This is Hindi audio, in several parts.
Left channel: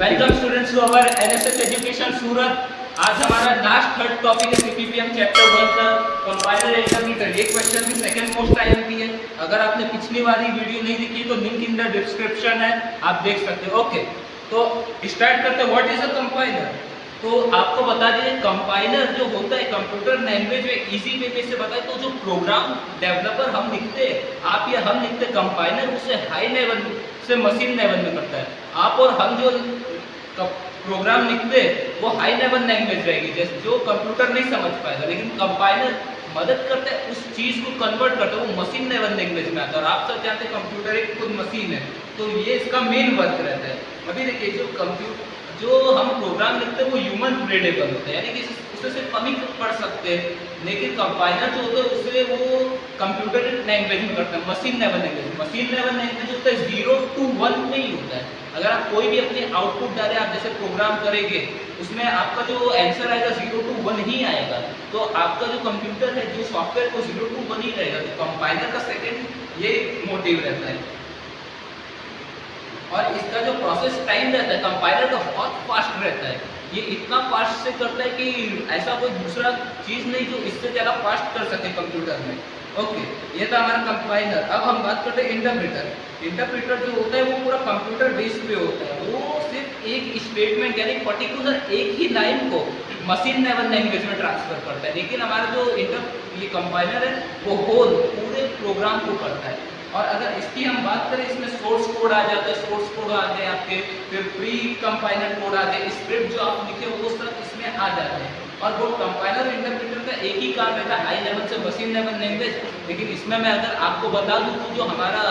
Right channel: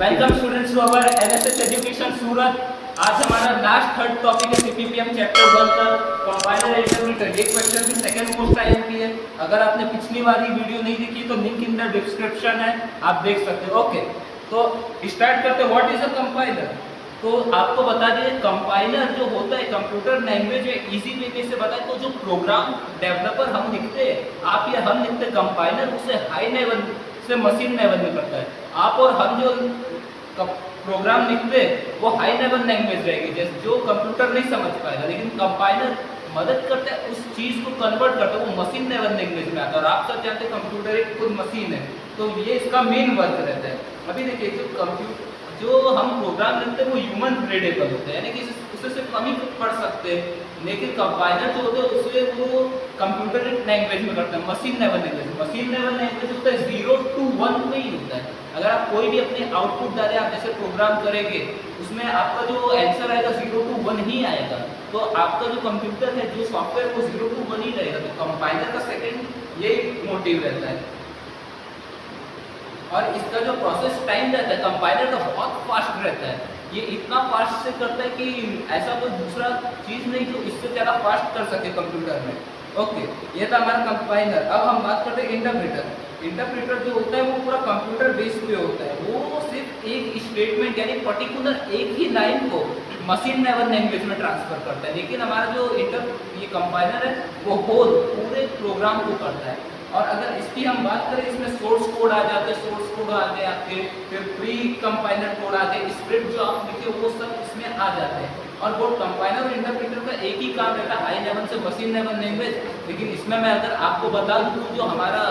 Welcome students to our NSS education Surat. आज हमारा लास्ट थर्ड टॉपिक है सीपीपीएम चैप्टर 1 का कंपाइलर इंटरप्रेटर। ये क्वेश्चन भी सेकंड मोस्ट आईएमपी है। अगर आपने पिछली वाली वीडियो नहीं देखी तो लिंक इन द डिस्क्रिप्शन है, आप देख सकते हो। ओके, तो स्टार्ट करते हैं। What is a compiler? तो आपको बता दीजिए, कंपाइलर जो होता है कंप्यूटर लैंग्वेज में इजी वे में से बताए तो जो प्रोग्राम डेवलपर हम लिखते हैं, आप या हम लिखते, कंपाइलर उसे हाई लेवल से मशीन लेवल में करता है। आप और हम जो प्रोग्राम लिखते वो हाई लेवल लैंग्वेज रहेगी, जैसे जो कंप्यूटर नहीं समझ पाएगा, लेकिन कंपाइलर मदद करता है, उस चीज को कन्वर्ट करता है, वो मशीन लेवल लैंग्वेज में आता है। और आप सब जानते हैं कंप्यूटर एक खुद मशीन है, तो ये इसका मेन वर्क रहता है। अभी देखिए, जो हम प्रोग्राम लिखते हैं वो ह्यूमन रीडेबल होता है, यानी कि उसे सिर्फ हम ही पढ़ सकते हैं। लेकिन कंपाइलर जो होता है उसे वो कंप्यूटर लैंग्वेज में करता है, machine level language. Machine level language होता है 0 to 1 में ही होता है। अगर आप कोई भी अपने आउटपुट डाले, आप जैसे प्रोग्राम करेंगे, उसमें आपका जो आंसर आएगा 0 to 1 ही आएगा। तो आपका जो कंप्यूटर है, जो सॉफ्टवेयर, वो 0 to 1 ही रहेगा। तो कंपाइलर का सेकेंड ये मोटिव रहता है। और इसका जो प्रोसेस टाइम रहता है कंपाइलर का बहुत फास्ट रहता है। ये इतना फास्ट से करता है कि ऐसा कोई दूसरा चीज़ नहीं जो इससे ज़्यादा फास्ट कर सके कंप्यूटर में। ओके, ये था हमारा कंपाइलर। अब हम बात करते हैं इंटरप्रेटर। इंटरप्रेटर जो होता है वो पूरा कंप्यूटर बेस पे होता है। वो सिर्फ एक स्टेटमेंट यानी पर्टिकुलर एक ही लाइन को मशीन लेवल लैंग्वेज में ट्रांसफर करता है। लेकिन हमारा जो ये कंपाइलर है वो होल पूरे प्रोग्राम को करता है। और अगर इसकी हम बात करें, इसमें सोर्स कोड आ जाते हैं, सोर्स कोड आ गए आपके, फिर प्री कंपाइलर कोड आ गए, स्क्रिप्ट जो आप लिखे वो सब इसमें आ जाते हैं। और वो कंपाइलर और इंटरप्रेटर का एक ही काम रहता है, हाई लेवल से मशीन लेवल लैंग्वेज। लेकिन इसमें मैं अगर आपको बता दूं तो जो हमारा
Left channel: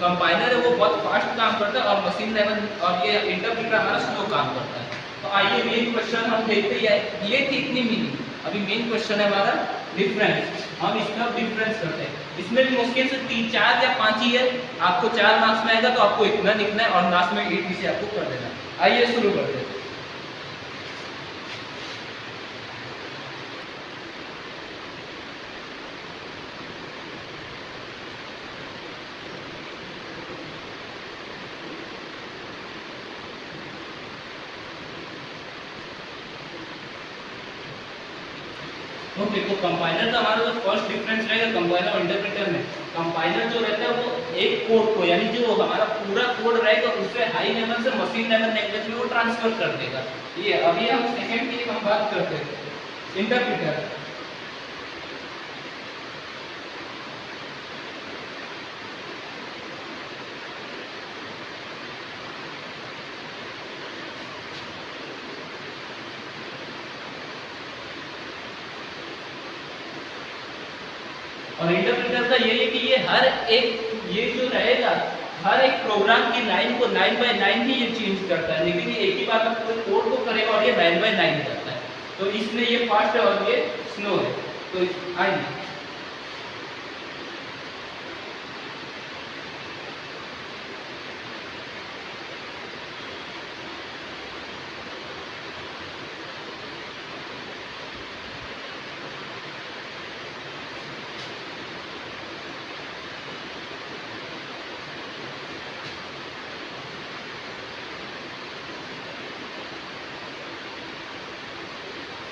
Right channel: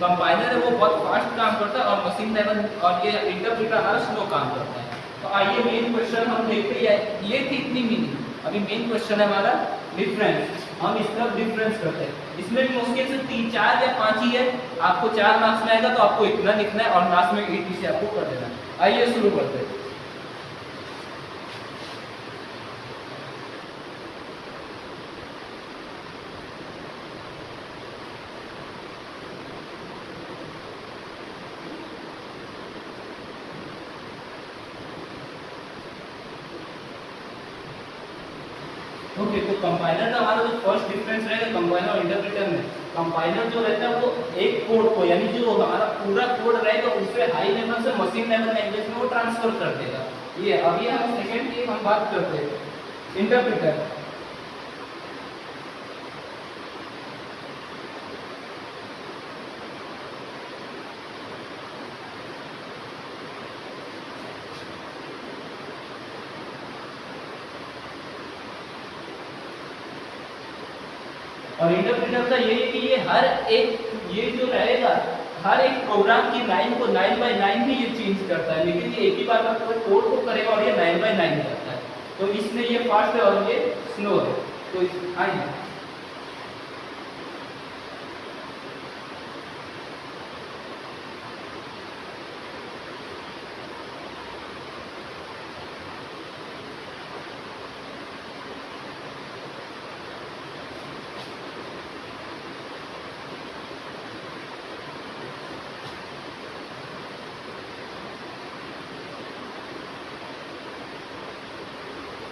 कंपाइलर है वो बहुत फास्ट काम करता है और मशीन लेवल और ये इंटरप्रेटर हमारा स्लो काम करता है। तो आइए मेन क्वेश्चन हम देखते हैं। ये थी इतनी मीनिंग। अभी मेन क्वेश्चन है हमारा डिफरेंस। हम इसका डिफरेंस करते हैं। इसमें भी मुश्किल से 3, 4 या 5 ही है। आपको 4 मार्क्स में आएगा तो आपको इतना लिखना है और लास्ट में 80 से आपको कर देना है। आइए शुरू करते हैं। ओके, तो कंपाइलर का हमारा जो फर्स्ट डिफरेंस रहेगा कंपाइलर और इंटरप्रेटर में, कंपाइलर जो रहता है वो एक कोड को, यानी जो हमारा पूरा कोड रहेगा उसे हाई लेवल से मशीन लेवल लैंग्वेज में वो ट्रांसफर कर देगा। ये अभी हम सेकंड की हम बात करते हैं, इंटरप्रेटर। और इंटरप्रेटर का ये है कि ये हर एक, ये जो रहेगा हर एक प्रोग्राम की लाइन को लाइन बाय लाइन ही ये चेंज करता है। लेकिन ये एक ही बात आप पूरे कोड को करेगा और ये लाइन बाय लाइन करता है। तो इसमें ये फास्ट है और ये स्लो है। तो आइए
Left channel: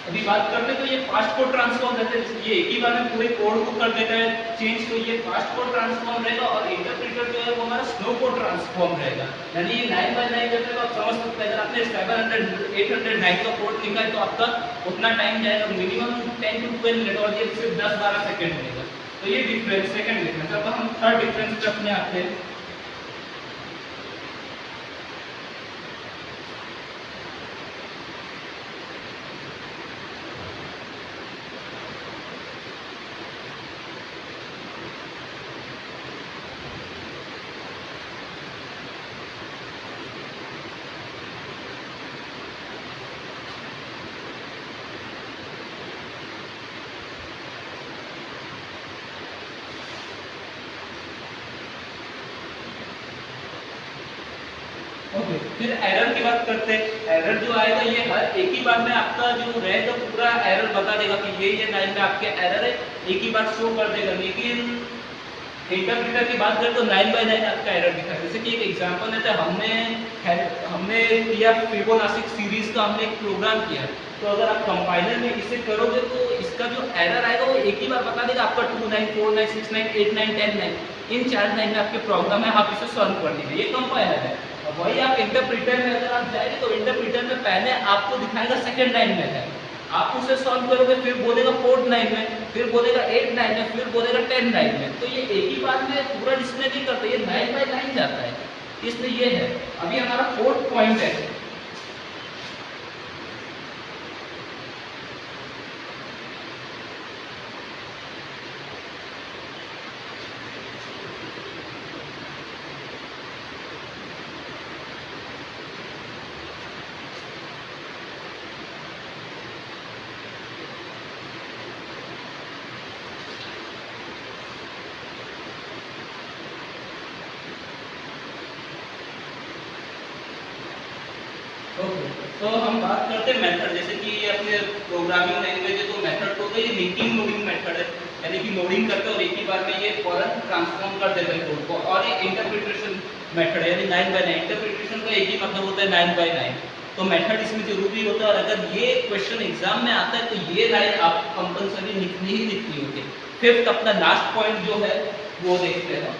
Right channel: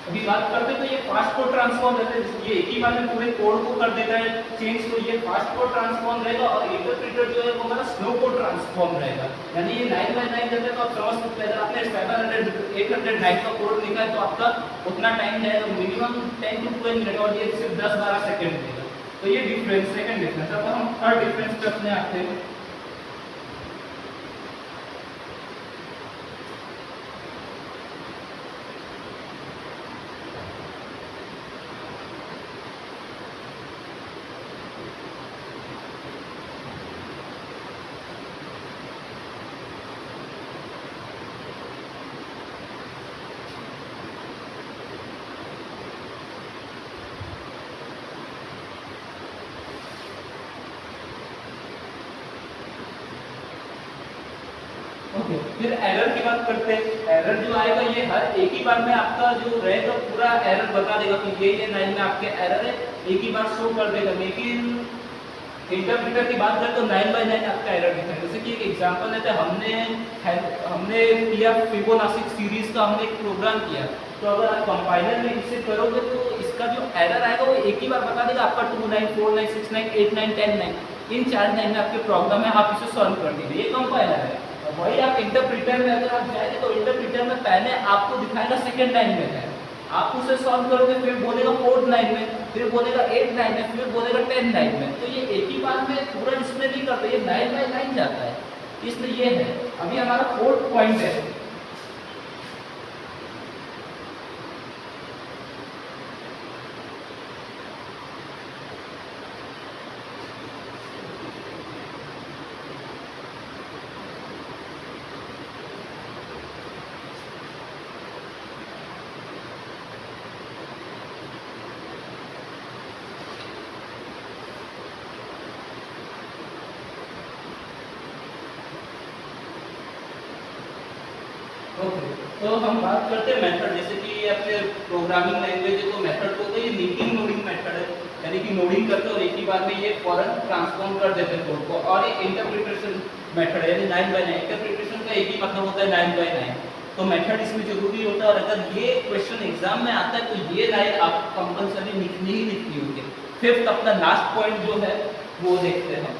अभी बात करते हैं। तो ये फास्ट कोड ट्रांसफॉर्म रहता है, ये एक ही बार में पूरे कोड को कर देता है चेंज। तो ये फास्ट कोड ट्रांसफॉर्म रहेगा। और इंटरप्रेटर जो है वो हमारा स्लो कोड ट्रांसफॉर्म रहेगा, यानी ये लाइन बाय लाइन रहता है। तो आप समझ सकते हैं, अगर आपने 700 800 लाइन का कोड लिखा है तो आपका उतना टाइम जाएगा, मिनिमम 10 to 12 मिनट, और ये सिर्फ 10-12 सेकेंड लेगा। तो ये डिफरेंस, सेकंड डिफरेंस। अब हम थर्ड डिफरेंस पे अपने आते हैं। ओके, फिर एरर की बात करते हैं। एरर जो आएगा ये हर एक ही बार में आपका जो रहेगा पूरा एरर बता देगा कि ये लाइन में आपके एरर है, एक ही बार शो कर देगा। लेकिन इंटरप्रेटर की बात करें तो 9/9 आपका एरर दिखा है। जैसे कि एक एग्जांपल लेते हैं, हमने किया फिबोनाची सीरीज का हमने एक प्रोग्राम किया, तो अगर आप कंपाइलर में इसे करोगे तो इसका जो एरर आएगा वो एक ही बार बता देगा आपका 2 9 4 9 6 9 8 9 10 9, इन 4 9 में आपके प्रॉब्लम है, आप इसे सॉल्व कर दीजिए, ये कंपाइलर है। अब वही आप इंटरप्रेटर में अगर आप जाएंगे तो इंटरप्रेटर में पहले आपको दिखाएगा सेकेंड लाइन में है, आप उसे सॉल्व करोगे फिर बोलेगा 4th लाइन में, फिर बोलेगा 8th लाइन में, फिर बोलेगा 10th लाइन में। तो ये एक ही बात में पूरा डिस्प्ले नहीं करता, ये 9/9 जाता है, इसलिए ये है। अभी हमारा 4th पॉइंट है, ओके। तो हम बात करते हैं मेथड, जैसे कि ये अपने प्रोग्रामिंग लैंग्वेज है तो मेथड को तो ये लिंकिंग नोडिंग मेथड है, यानी कि नोडिंग करते हैं और एक ही बार में ये फौरन ट्रांसफॉर्म कर देते हैं कोड को। और एक इंटरप्रिटेशन मेथड है, यानी 9/9, इंटरप्रिटेशन का एक ही मतलब होता है 9/9, तो मेथड इसमें जरूरी होता है। और अगर ये क्वेश्चन एग्जाम में आता है तो ये लाइन आपको कंपलसरी लिखनी ही लिखनी होती है। 5th अपना लास्ट पॉइंट जो है वो देखते हैं।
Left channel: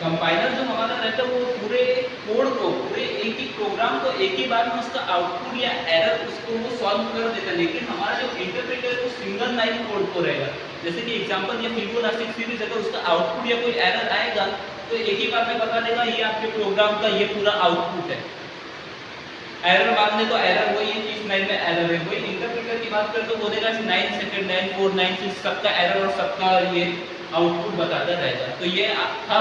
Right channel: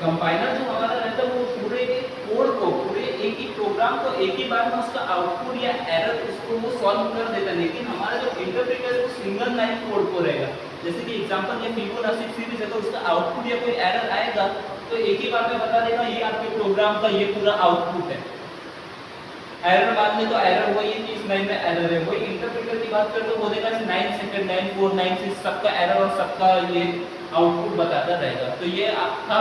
कंपाइलर जो हमारा रहता है वो पूरे कोड को, पूरे एक ही प्रोग्राम को एक ही बार में उसका आउटपुट या एरर उसको वो सॉल्व कर देता है। लेकिन हमारा जो इंटरप्रेटर है वो सिंगल लाइन कोड को रहेगा। जैसे कि एग्जांपल ये फिबोनाची सीरीज है तो उसका आउटपुट या कोई एरर आएगा तो एक ही बार में बता देगा ये आपके प्रोग्राम का ये पूरा आउटपुट है। एरर बाद में तो एरर वही है कि इस लाइन में एरर है। वही इंटरप्रेटर की बात करें तो बोलेगा 9 सेकंड 9 4 9 6 सबका एरर और सबका ये आउटपुट बताता रहेगा। तो ये था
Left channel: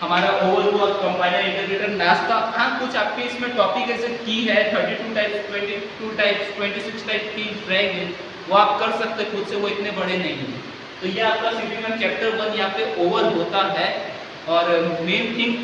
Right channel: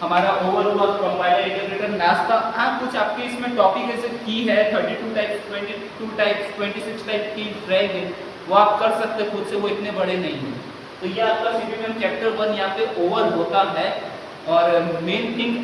हमारा ओवरऑल कंपाइलर इंटरप्रेटर नास का। हाँ, कुछ आपके इसमें टॉपिक ऐसे की है 32 टाइप्स 22 टाइप्स 26 टाइप की रह गए, वो आप कर सकते खुद से, वो इतने बड़े नहीं हैं। तो ये आपका सीपीएम चैप्टर 1 यहाँ पे ओवर होता है। और मेन थिंग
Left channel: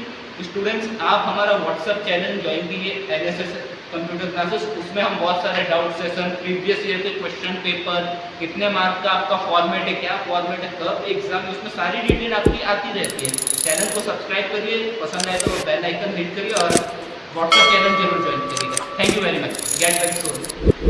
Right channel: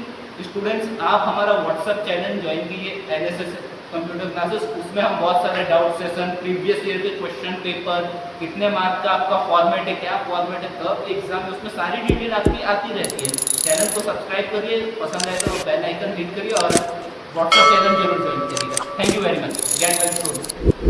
स्टूडेंट्स, आप हमारा व्हाट्सएप चैनल ज्वाइन कीजिए एनएसएस कंप्यूटर क्लासेस, उसमें हम बहुत सारे डाउट सेशन, प्रीवियस ईयर के क्वेश्चन पेपर, कितने मार्क का आपका फॉर्मेट है, क्या फॉर्मेट है, कब एग्जाम है, उसमें सारी डिटेल आपकी आती रहती है। चैनल को सब्सक्राइब करिए, पसंद आए तो बेल आइकन हिट करिए और व्हाट्सएप चैनल जरूर ज्वाइन करिएगा। Thank you very much. Get back Son.